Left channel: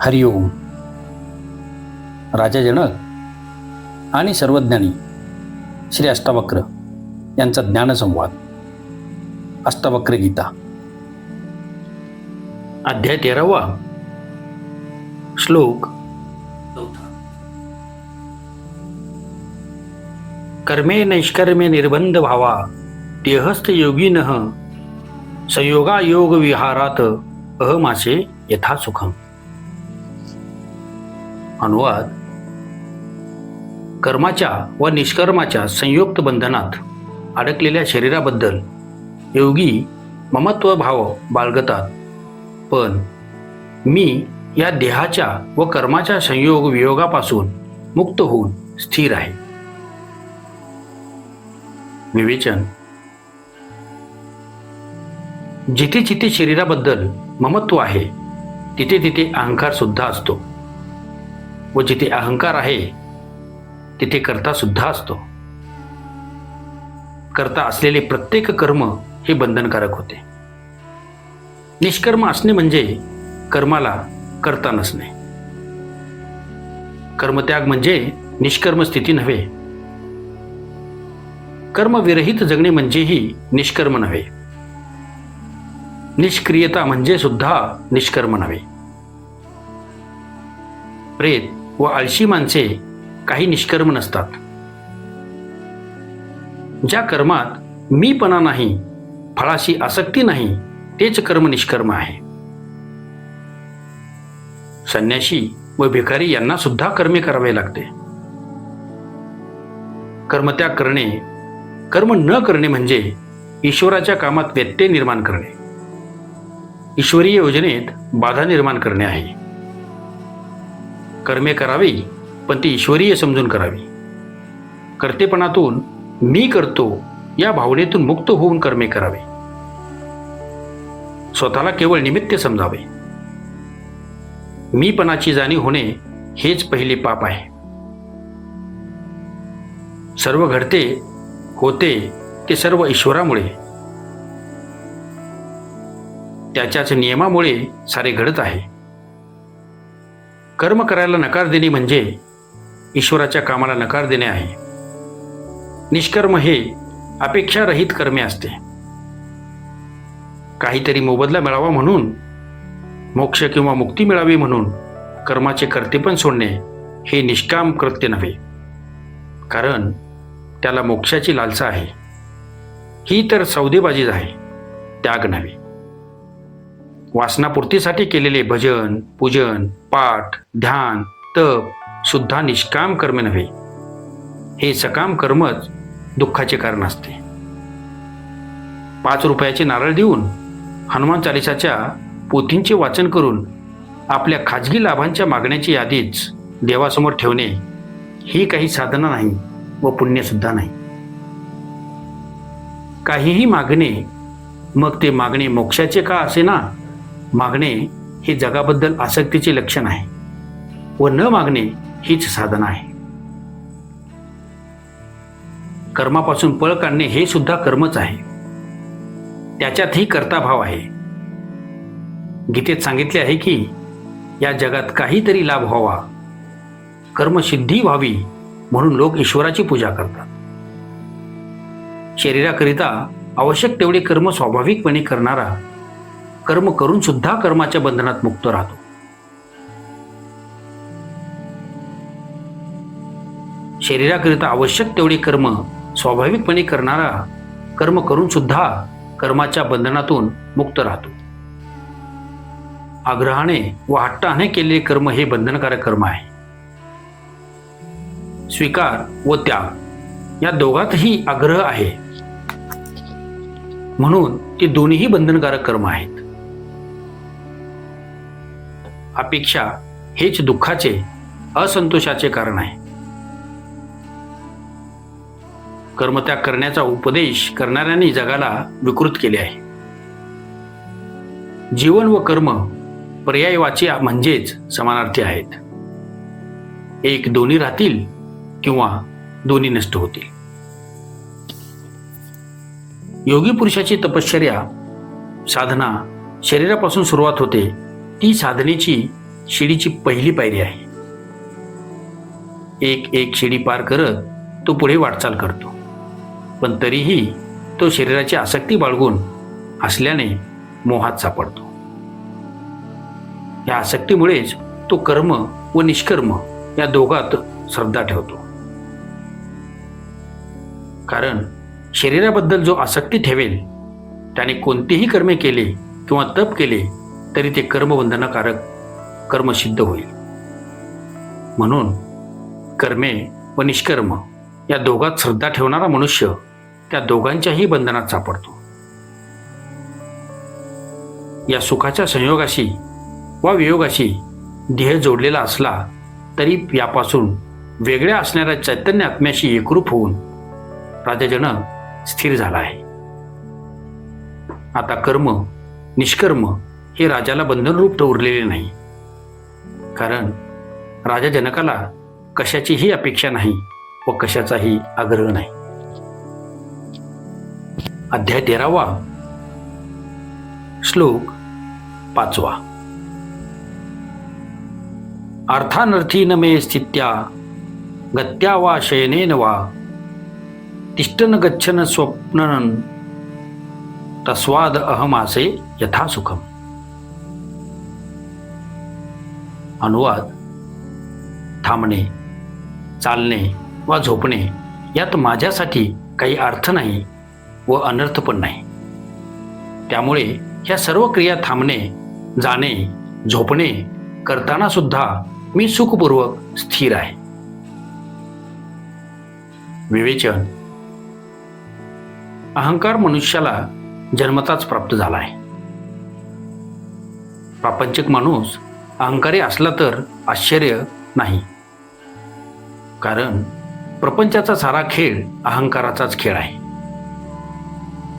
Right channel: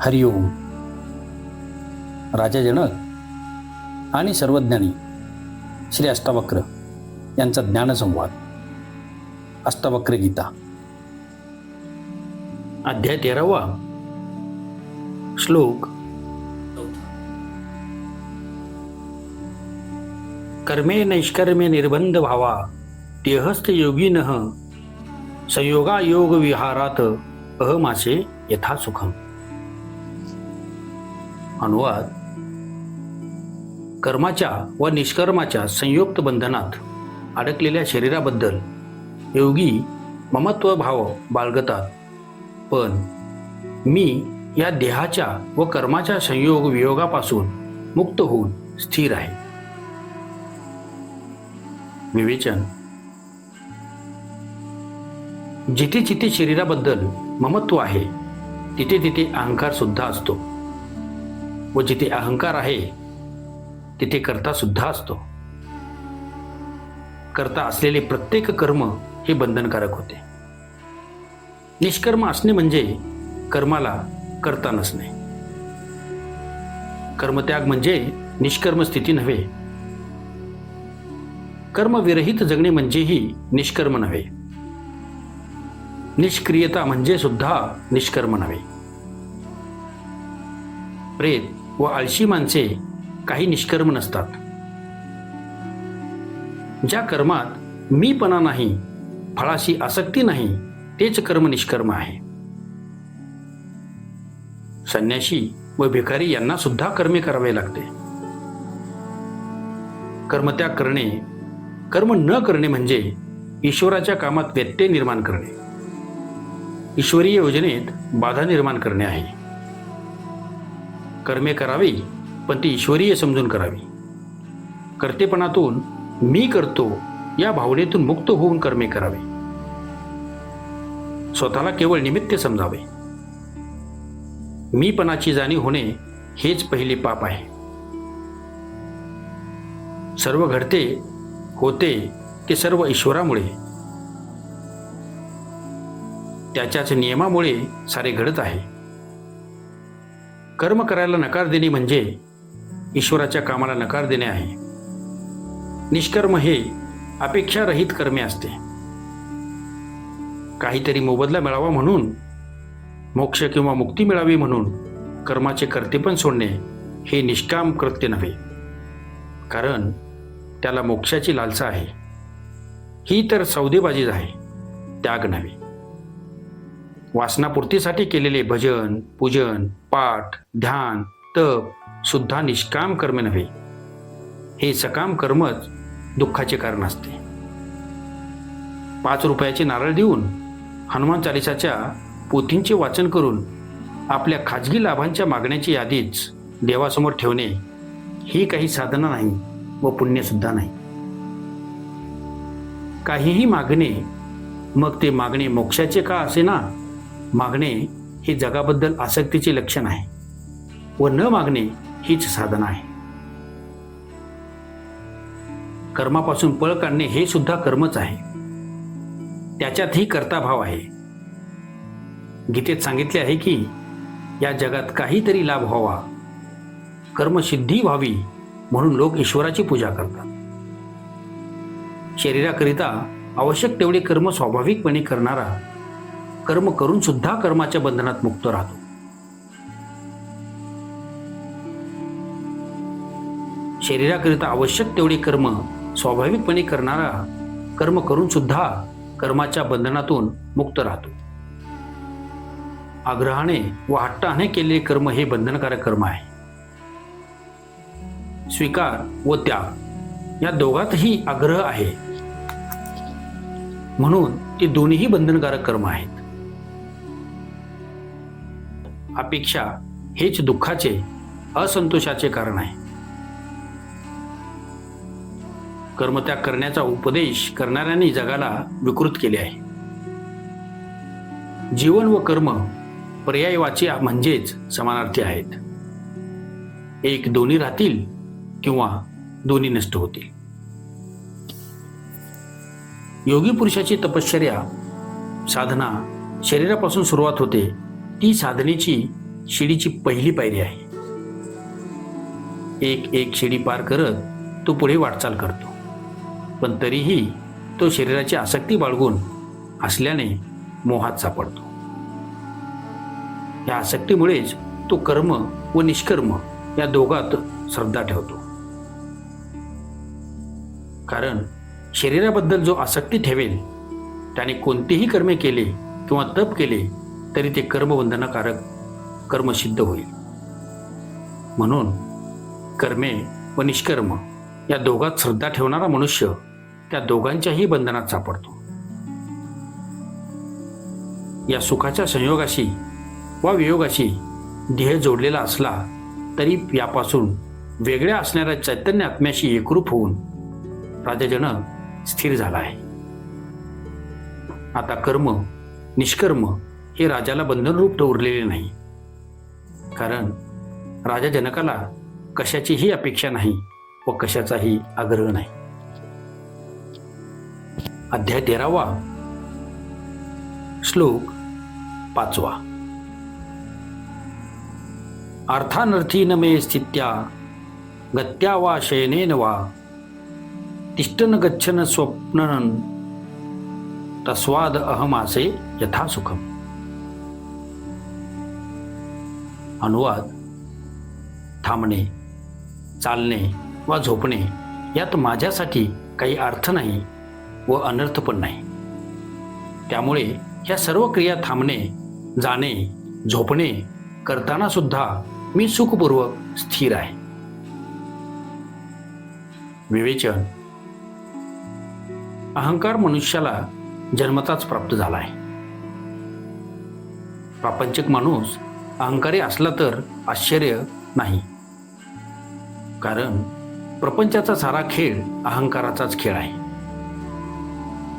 हरिओम. राजा जनक आणि सर्वज्ञानी श्री अष्टावक्र यांचा ज्ञानसंवाद. अष्टावक्र गीता अध्याय 13वा. श्लोक 4. कर्मे नैष्कर्मे निर्बंध भावा देहस्थ योगिनः संयोगा योग विहारात अहमासे यथा सुखम. अनुवाद. कर्माच्या व निष्कर्माच्या संयुक्त बंधनात अडकलेल्या शरीराबद्दल योगी ममत्व भाव बाळगतात, पण मी या देहाच्या व कर्माच्या संयोग वियोगापासून मुक्त होऊन स्थिर आहे. विवेचन. जिथे जिथे शरीराबद्दल ममत्व आहे तिथे तिथे अहंकार सुद्धा असतो, व जिथे अहंकार आहे तिथे कर्ता सुद्धा असतो. कर्ता असलेले प्रत्येक कर्म हे बंधनकारक होते. निष्कर्म असणे म्हणजे कर्माला कर्ता नसणे. कर्मत्याग म्हणजे निष्कर्म स्थिती नव्हे. कर्मविरहित जगणे म्हणजेही निष्कर्म नव्हे. निष्क्रियता म्हणजे सुद्धा निष्कर्म नव्हे. प्रेत व आळशी माणसे काही निष्कर्म नसतात. ज्या कर्मात मीपणा नाही, फळाशी आसक्ती नाही, तेच कर्म निष्कर्म आहे. संन्याशी व भिकारी यांना सुद्धा कर्मे करावे लागते. कर्मत्याग करणे, कर्म न करणे म्हणजे ईश्वराच्या कामात व्यत्यय निर्माण करणे, ईश्वरीय योजनेत बाधा निर्माण करणे आहे. कर्मे करावी, पण ती ईश्वरीय समजून करावी. कर्तेपणातून मी करतो या भावनेतून मुक्त होऊन कर्मे करावी. स्वतःला केवळ निमित्त समजावे. मीपणाची जाणीव होणे हेच पहिले पाप आहे. सर्व घडते होते ते सर्व ईश्वरामुळे, त्याच्याच नियमामुळे सारे घडत आहे. कर्म करायला नकार देणे म्हणजे ईश्वराच्या कामाला नकार देणे आहे. निष्कर्म हे अपेक्षारहित कर्मे असते. काहीतरी मोबदला मिळावा म्हणून, मोक्ष किंवा मुक्ती मिळावी म्हणून कर्माचे कर्तेपण सोडणे हे निष्काम कृत्य नव्हे, कारण त्याला मोक्षाची लालसा आहे. ही तर सौदेबाजीच आहे, त्याग नव्हे. वासनापूर्तीसाठी केलेले भजन, पूजन, पाठ, ध्यान, तप सुद्धा निष्काम कर्म नव्हे. हे सकाम कर्मच दुःखाचे कारण असते. 5 रुपयाचे नारळ देऊन, हनुमान चालिसाच्या पोथींचे वाचन करून आपल्या खाजगी लाभांच्या मागण्याची यादीच देवासमोर ठेवणे ही काही साधना नाही व पुण्यसुद्धा नाही. काहीही मागणे, मग ते मागणे मोक्षाचे का असेना, मागणे हे जगाबद्दल आसक्तीचे लक्षण आहे व न मागणे हीच साधना आहे. कर्मापासून पळ काढणे हे सुद्धा कर्मच आहे. त्याच्यातही कर्ताभाव आहे. गीतेत सांगितले आहे की या जगात काहीतरी लाभ व्हावा, कर्मसिद्धी व्हावी म्हणून लोक ईश्वराची पूजा करतात. शरीराकरिता आवश्यक तेवढे कर्म स्वाभाविकपणे करणारा कर्म करून सुद्धा कर्माच्या बंधनात मुक्त राहतो. शरीराकरिता आवश्यक तेवढे कर्म स्वाभाविकपणे करणारा कर्म करून सुद्धा कर्माच्या बंधनातून मुक्त राहतो. आग्रहाने व हट्टाने केलेले कर्म हे बंधनकारक कर्म आहे. स्वीकार व त्याग या दोघातही आग्रह आहे, म्हणून ते दोन्हीही बंधनकारक कर्म आहेत. अपेक्षा हेच दुःखाचे, असंतोषाचे कारण आहे. कर्मत्याग करण्याचा उपदेश करणाऱ्यांनी जगाला विकृत केले आहे. जीवन व कर्म पर्यायवाची म्हणजेच समानार्थी आहेत. एक दोन्ही राहतील किंवा दोन्ही नष्ट होतील. योगी पुरुषाची तपश्चर्या साधना शरीरापासून सुरुवात होते, ती साधनेची शिडीची पहिली पायरी आहे. एक एक शिडी पार करत तो पुढे वाटचाल करतो, पण तरीही तो शरीराची आसक्ती बाळगून असल्याने मोहात सापडतो. या आसक्तीमुळेच तो कर्म व निष्कर्म या दोघात श्रद्धा ठेवतो. कारण शरीराबद्दल जो आसक्ती ठेवेल त्याने कोणतेही कर्मे केले किंवा तप केले तरी ते कर्मबंधनकारक कर्म सिद्ध होईल. म्हणून कर्मे व निष्कर्म या दोघात श्रद्धा ठेवणारा मनुष्य त्या दोघांच्याही बंधनात सापडतो. या सुखाच्या संयोगाशी वा वियोगाशी देह जोडलेला असला तरी यापासून वेगळ्या असणाऱ्या चैतन्य आत्म्याशी एकरूप होऊन राजा जनक स्थिर झाला आहे. आता कर्म निष्कर्म हे राजाला बंधनरूप उरलेले नाही, कारण राजा जनकाला कशाचीही अपेक्षा नाही व कशाचाही आग्रह नाही. अध्याय 13वा, श्लोक 5. अर्थानर्थी न मे स्थित्या गत्या वा शयनेन वा तिष्ठन गच्छन स्वप्नन तस्वाद अहमासे यथा सुखम. अनुवाद: थांबणे, चालणे वा झोपणे यात माझ्यासाठी काही अर्थ नाही व अनर्थ पण नाही. त्यामुळे ह्या सर्व क्रिया थांबणे, जाणे, झोपणे करताना सुद्धा मी सुखपूर्वक स्थिर आहे. विवेचन: अहंकार मनुष्याला जन्मताच प्राप्त झाला आहे. प्रापंचिक माणूस अहंकारी असला तर आश्चर्य नाही, कारण प्रपंचाचा सारा खेळ अहंकाराचाच खेळ आहे.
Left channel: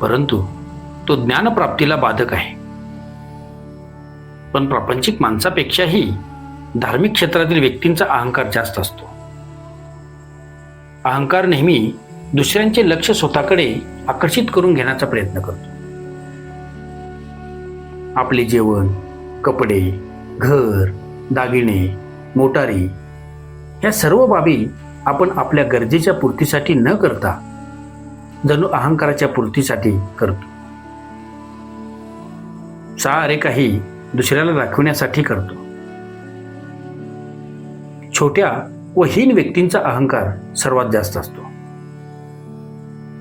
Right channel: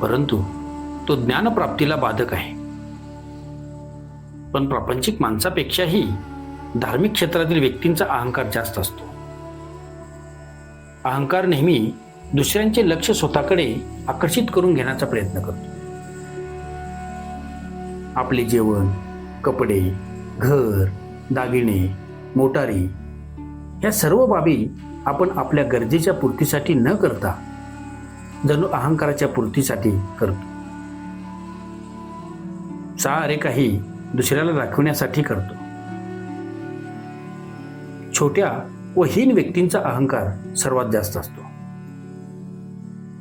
परंतु तो ज्ञानप्राप्तीला बाधक आहे. पण प्रापंचिक माणसापेक्षाही धार्मिक क्षेत्रातील व्यक्तींचा अहंकार जास्त असतो. अहंकार नेहमी दुसऱ्यांचे लक्ष स्वतःकडे आकर्षित करून घेण्याचा प्रयत्न करतो. आपले जेवण, कपडे, घर, दागिने, मोटारी या सर्व बाबी आपण आपल्या गरजेच्या पूर्तीसाठी न करता जणू अहंकाराच्या पूर्तीसाठी करतो. सारे काही दुसऱ्याला दाखवण्यासाठी करतो. छोट्या व हीन व्यक्तींचा अहंकार सर्वात जास्त असतो.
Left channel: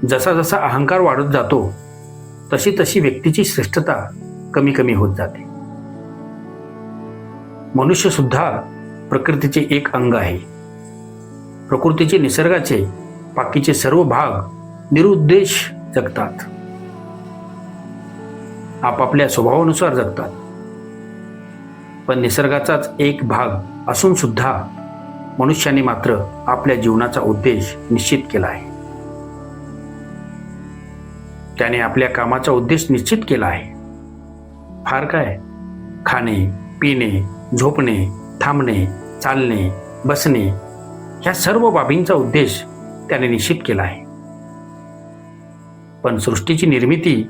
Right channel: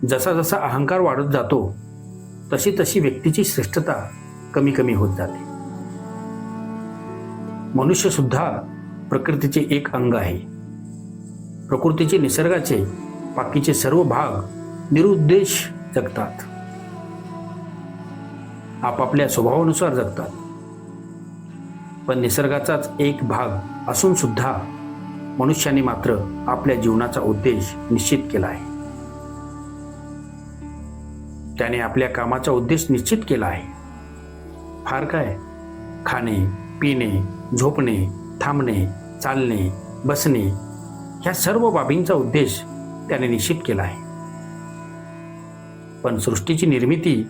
जसा जसा अहंकार वाढत जातो तशी तशी व्यक्तीची श्रेष्ठता कमी कमी होत जाते. मनुष्य सुद्धा प्रकृतीचे एक अंग आहे. प्रकृतीचे निसर्गाचे बाकीचे सर्व भाग निरुद्देश जगतात, आपापल्या स्वभावानुसार जगतात. पण निसर्गाचाच एक भाग असून सुद्धा मनुष्याने मात्र आपल्या जीवनाचा उद्देश निश्चित केला आहे. त्याने आपल्या कामाचा उद्देश निश्चित केला आहे. फार काय, खाणे, पिणे, झोपणे, थांबणे, चालणे, बसणे ह्या सर्व बाबींचा उद्देश त्याने निश्चित केला आहे. पण सृष्टीची निर्मिती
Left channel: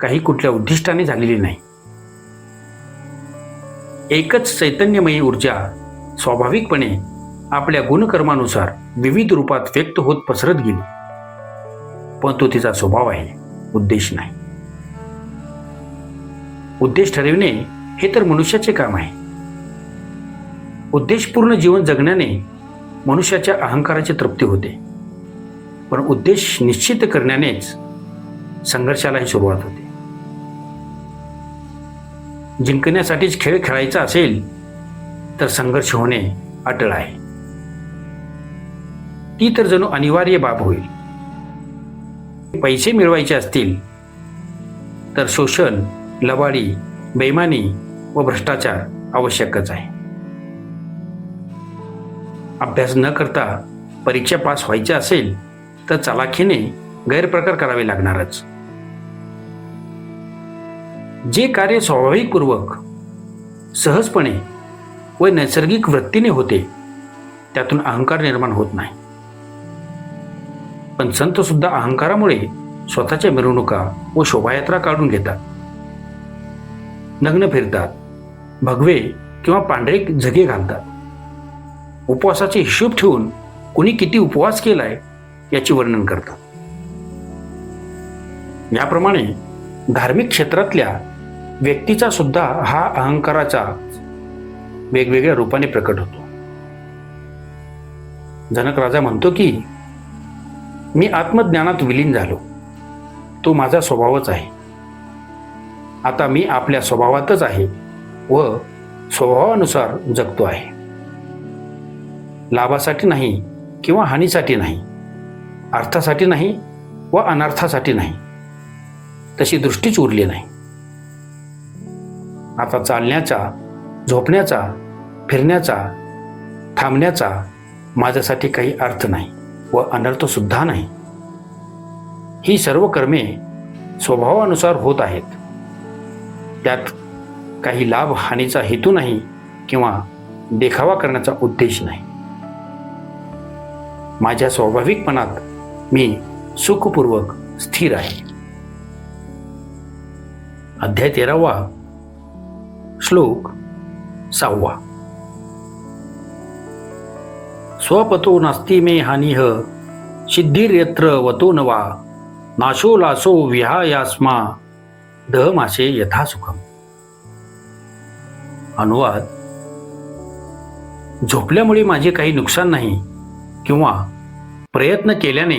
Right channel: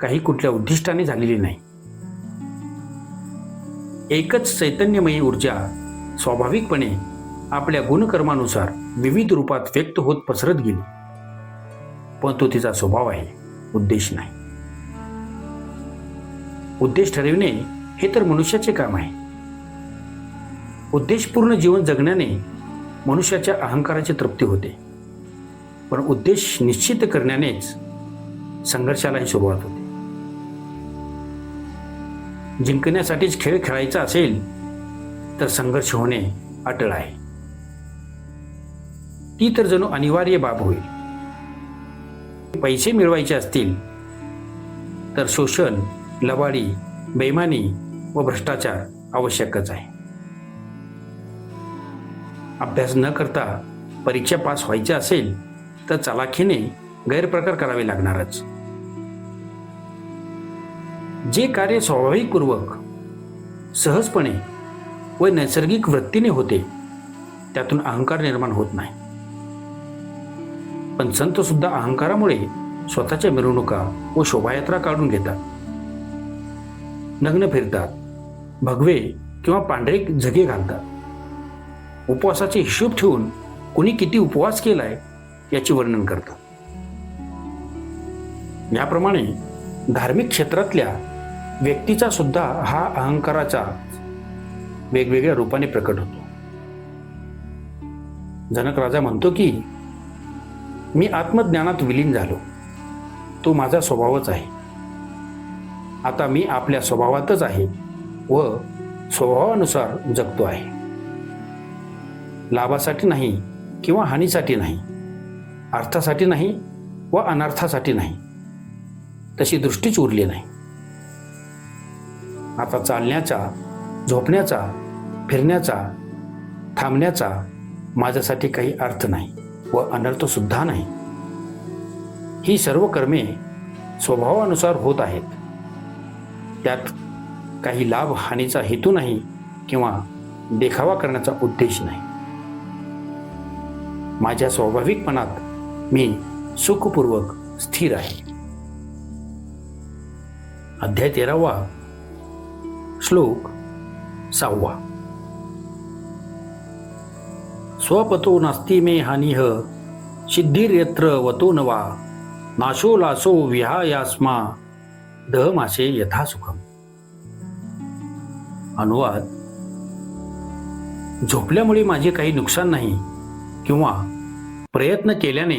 काही कुठल्या उद्दिष्टाने झालेली नाही. एकच चैतन्यमयी ऊर्जा स्वाभाविकपणे आपल्या गुणकर्मानुसार विविध रूपात व्यक्त होत पसरत गेली, पण तो तिचा स्वभाव आहे, उद्देश नाही. उद्देश ठरविणे हे तर मनुष्याचे काम आहे. उद्देशपूर्ण जीवन जगण्याने मनुष्याच्या अहंकाराची तृप्ती होते, पण उद्देश निश्चित करण्यानेच संघर्षालाही सुरुवात होते. जिंकण्यासाठीच खेळ खेळायचा असेल तर संघर्ष होणे अटळ आहे. ती तर जणू अनिवार्य बाब होईल. पैसे मिळवायचे असतील तर शोषण, लबाडी, बेईमानी व भ्रष्टाचार आवश्यकच आहे. अभ्यास न करता परीक्षा पास व्हायची असेल तर चलाखीने गैरप्रकार करावे लागणारच. जे कार्य स्वाभाविकपूर्वक, सहजपणे व नैसर्गिक वृत्तीने होते त्यातून अहंकार निर्माण होत नाही. पण संत सुद्धा अहंकारामुळे स्वतःच्या मिरवणुका व शोभायात्रा काढून घेतात. नग्न फिरतात, भगवे किंवा पांढरे झगे घालतात. उपवासाचे हिशोब ठेवून कुणी किती उपवास केलाय याचे वर्णन करतात. याप्रमाणे धार्मिक क्षेत्रातल्या व्यक्तीचा सुद्धा हा अहंकाराचा वेगवेगळ्या रूपाने प्रकट होतो. जनक राजा म्हणतो की मी आत्मज्ञानात विलीन झालो, तो माझा स्वभावच आहे. आता मी आपल्या स्वभावातच आहे व स्वभावानुसार जगतो आहे. लाभासाठी नाही किंवा हानीसाठी नाही, अर्थासाठी नाही व अनर्थासाठी नाही, तशी दृष्टीच उरली नाही. आता चालण्याचा, झोपण्याचा, फिरण्याचा, थांबण्याचा माझ्यासाठी काही अर्थ नाही व अनर्थ सुद्धा नाही. ही सर्व कर्मे स्वभावानुसार होत आहेत. त्यात काही लाभ हानीचा हेतू नाही किंवा देखावा करण्याचा उद्देश नाही. माझ्या स्वाभाविकपणात मी सुखपूर्वक स्थिर आहे. अध्याय 13वा, श्लोक 6. स्वपतो नास्ति मे हानिः सिद्धिर्यत्र वतो न वा नाशो लासो विहायास्मा दहमासे यथा सुखम. अनुवाद: झोपल्यामुळे माझे काही नुकसान नाही किंवा प्रयत्न केल्याने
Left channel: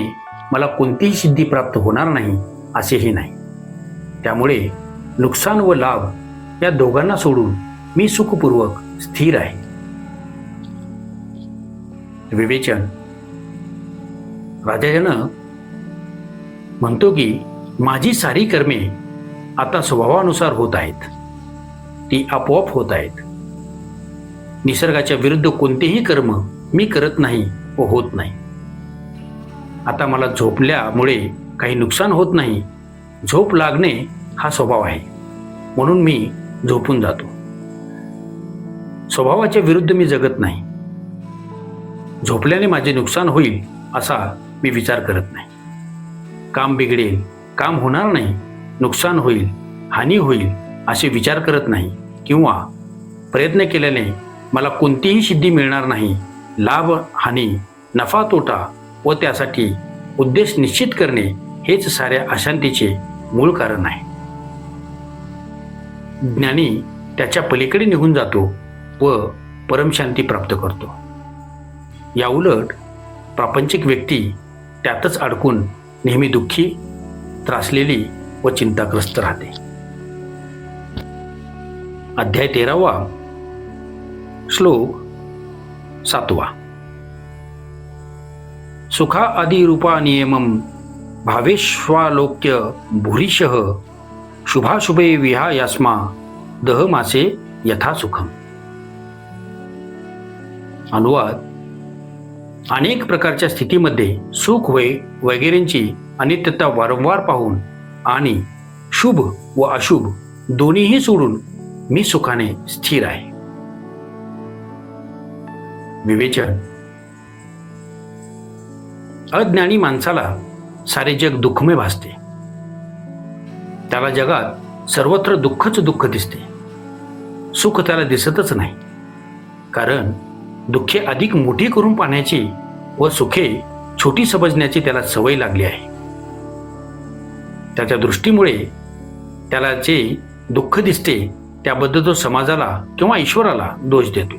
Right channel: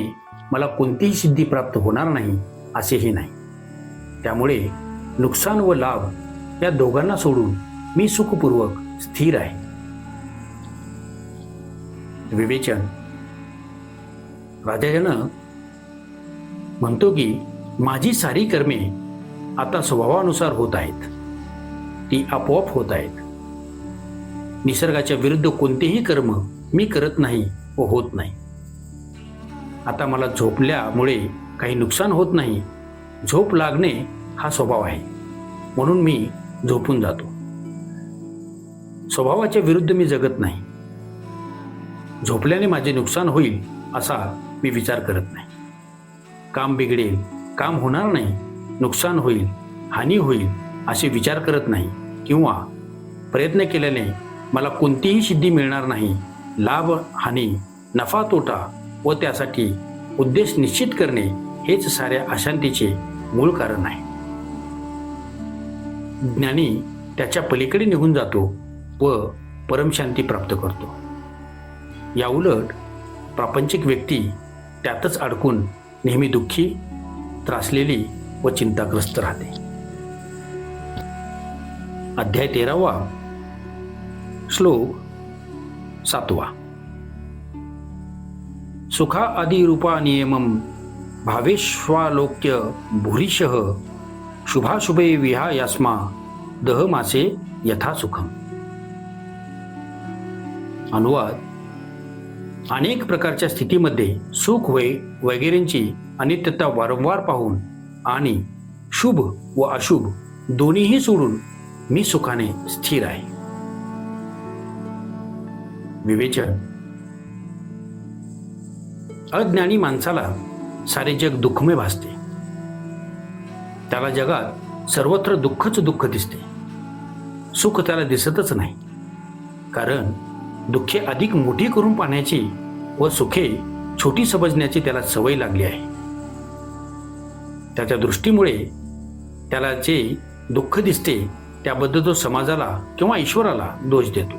मला कोणतीही सिद्धी प्राप्त होणार नाही असेही नाही. त्यामुळे नुकसान व लाभ या दोघांना सोडून मी सुखपूर्वक स्थिर आहे. विवेचन: राजा जनक म्हणतो की माझी सारी कर्मे आता स्वभावानुसार होत आहेत. ती आपोआप होत आहेत. निसर्गाच्या विरुद्ध कोणतेही कर्म मी करत नाही व होत नाही. आता मला झोपल्यामुळे काही नुकसान होत नाही. झोप लागणे हा स्वभाव आहे, म्हणून मी झोपून जातो. स्वभावाच्या विरुद्ध मी जगत नाही. झोपल्याने माझे नुकसान होईल असा मी विचार करत नाही. काम बिघडेल, काम होणार नाही, नुकसान होईल, हानी होईल असे विचार करत नाही किंवा प्रयत्न केल्याने मला कोणतीही सिद्धी मिळणार नाही. लाभ हानी, नफा तोटा व त्यासाठी उद्देश निश्चित करणे हेच साऱ्या अशांतीचे मूळ कारण आहे. ज्ञानी त्याच्या पलीकडे निघून जातो व परमशांती प्राप्त करतो. या उलट प्रापंचिक व्यक्ती त्यातच अडकून नेहमी दुःखी, त्रासलेली व चिंताग्रस्त राहते. अध्याय 13वा, श्लोक 7. सुखा आदि रूपा नियमम भावेश्वालोक्य भूरिशः शुभाशुभे विहायास्मा दहमासे यथा सुखम. अनुवाद: अनेक प्रकारच्या स्थितीमध्ये सुख वगैरेंची अनित्यता वारंवार पाहून आणि शुभ व अशुभ दोन्हीही सोडून मी सुखाने स्थिर आहे. विवेचन: अज्ञानी माणसाला सारे जग दुःखमय भासते. त्याला जगात सर्वत्र दुःखच दुःख दिसते. सुख त्याला दिसतच नाही, कारण दुःखे अधिक मोठी करून पाहण्याची व सुखे छोटी समजण्याची त्याला सवय लागली आहे. त्याच्या दृष्टीमुळे त्याला जे दुःख दिसते त्याबद्दल तो समाजाला किंवा ईश्वराला दोष देतो.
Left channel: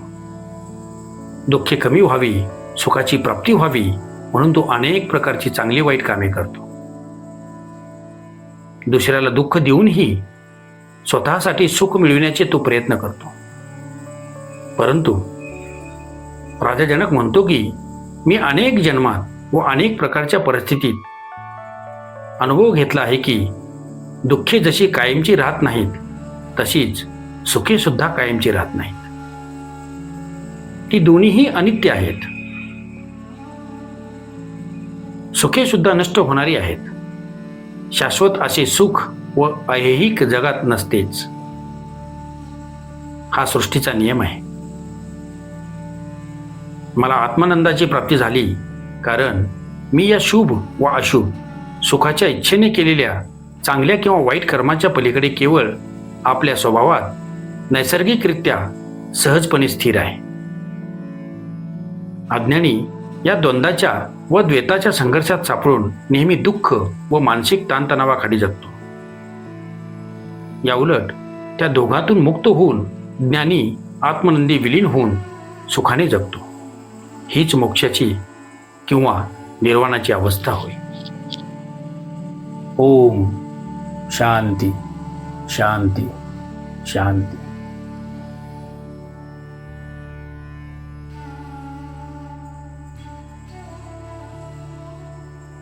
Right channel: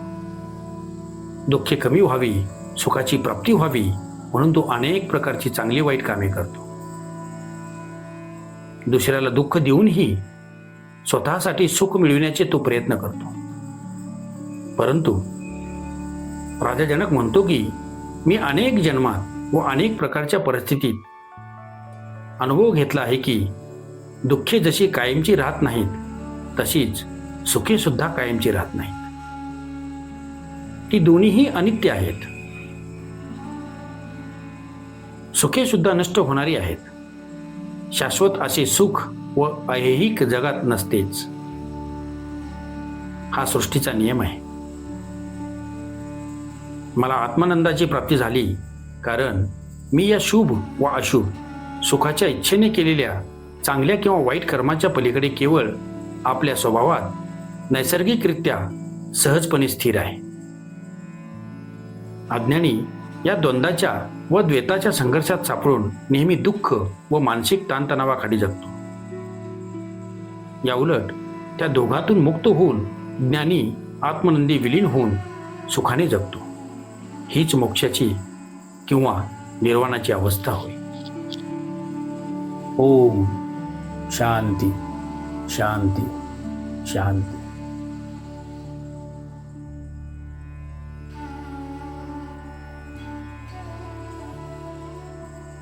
दुःखे कमी व्हावी, सुखाची प्राप्ती व्हावी म्हणून तो अनेक प्रकारची चांगली वाईट कामे करतो. दुसऱ्याला दुःख देऊनही स्वतःसाठी सुख मिळविण्याचे तो प्रयत्न करतो. परंतु राजा जनक म्हणतो की मी अनेक जन्मात व अनेक प्रकारच्या परिस्थितीत अनुभव घेतला आहे की दुःखे जशी कायमची राहत नाहीत, तशीच सुखे सुद्धा कायमची राहत नाहीत. ती दोन्हीही अनित्य आहेत. सुखे सुद्धा नष्ट होणारी आहेत. शाश्वत असे सुख व ऐहिक जगात नसतेच. हा सृष्टीचा नियम आहे. मला आत्मानंदाची प्राप्ती झाली कारण मी या शुभ व अशुभ सुखाच्या इच्छेने केलेल्या चांगल्या किंवा वाईट कर्माच्या पलीकडे केवळ आपल्या स्वभावात नैसर्गिकरित्या सहजपणे स्थिर आहे. अज्ञानी या द्वंद्वाच्या व द्वैताच्या संघर्षात सापडून नेहमी दुःख व मानसिक ताणतणावाखाली जगतो. या उलट त्या दोघातून मुक्त होऊन ज्ञानी आत्मनंदी विलीन होऊन सुखाने जगतो. हीच मोक्षाची किंवा निर्वाणाची अवस्था होय. ओम शांती शांती शांती.